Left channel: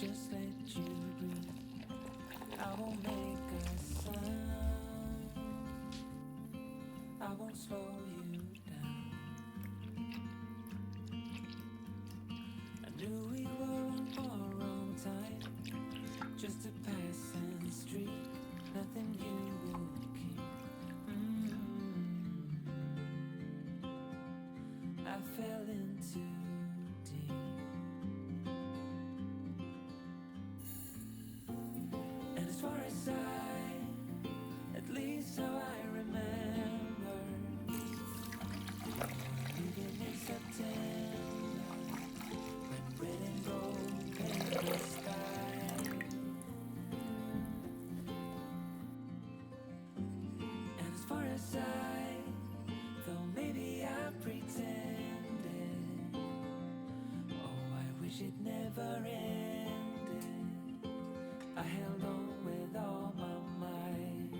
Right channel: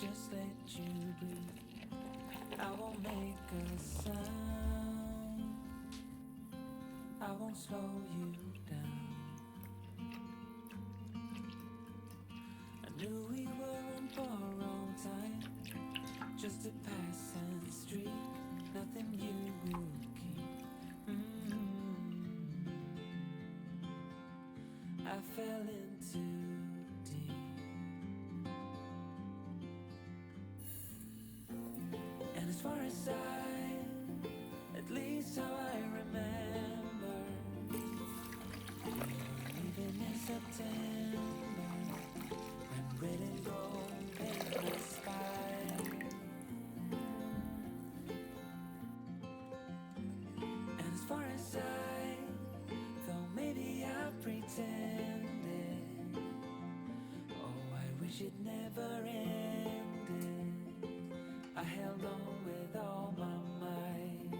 just let you breathe. I won't make a sound, I won't slow you down. I knew we were on borrowed time, just a passing street, nothing you would keep. I fell in too deep, and as far as at least how I remember, we were leaving in September, when red and gold paint the sky. And as far as though maybe I pretended, oh, I wish it never ended. I held on with all my might,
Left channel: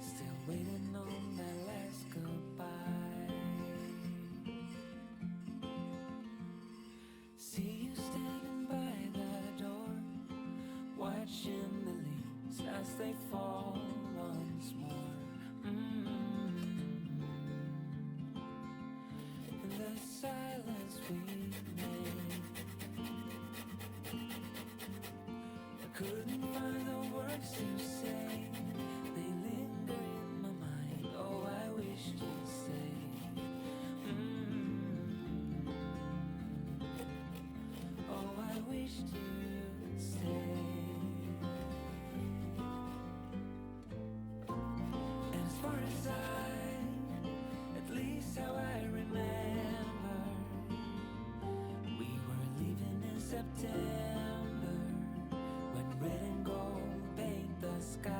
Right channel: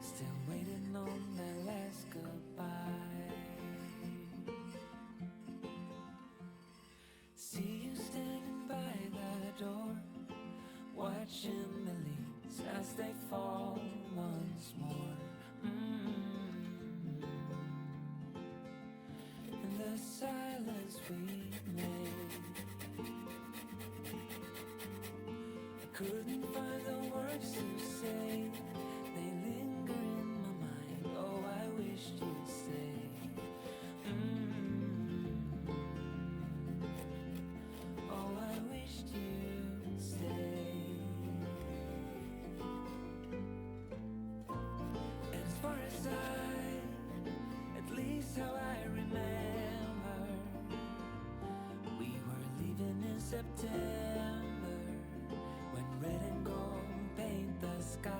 still waiting on that last goodbye. See you standing by the door, watching the leaves as they fall once more. In the silence we made, I couldn't find the words to say. They linger in my mind. Oh, I wish you'd stay. Oh, I wished you'd stay. And as far as at least how I remember, we were leaving in September, when red and gold paint the sky.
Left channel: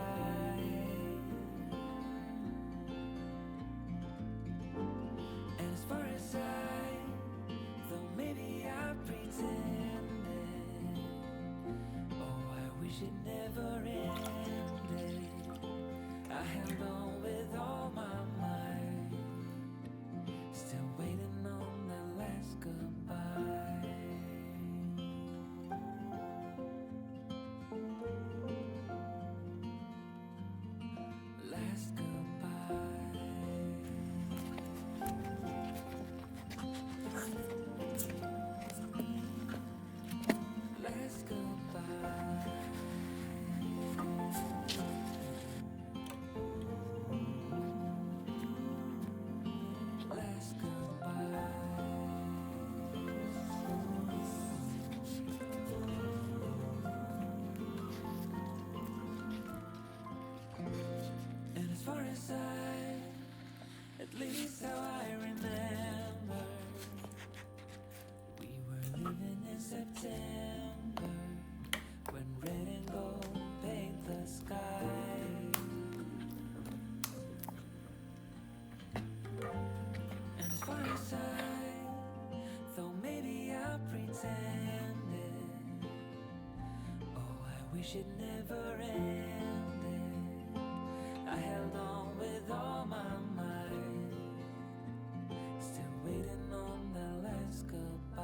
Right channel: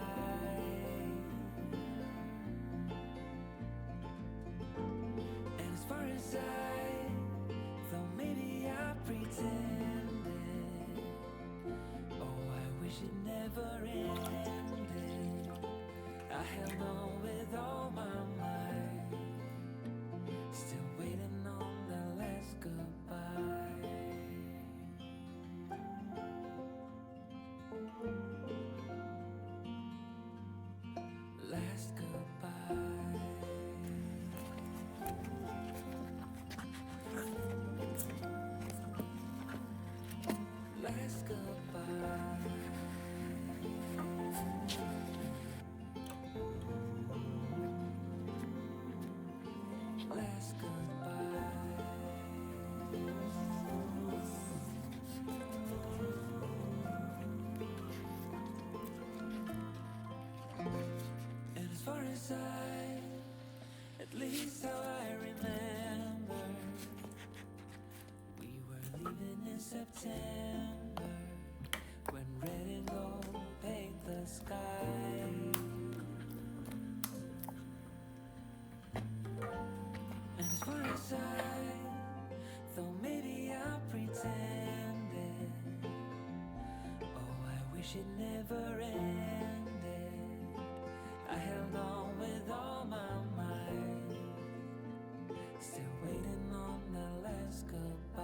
And as far as though maybe I pretended, oh, I wish it never ended. I held on with all my might, still waiting on the last goodbye. Last goodbye. Last goodbye. Last goodbye. And as far as at least how I remember, we were leaving in September, when red and gold paint the sky. And as far as though maybe I pretended, oh, I wish it never ended. I held on with all my might, still waiting on the last goodbye.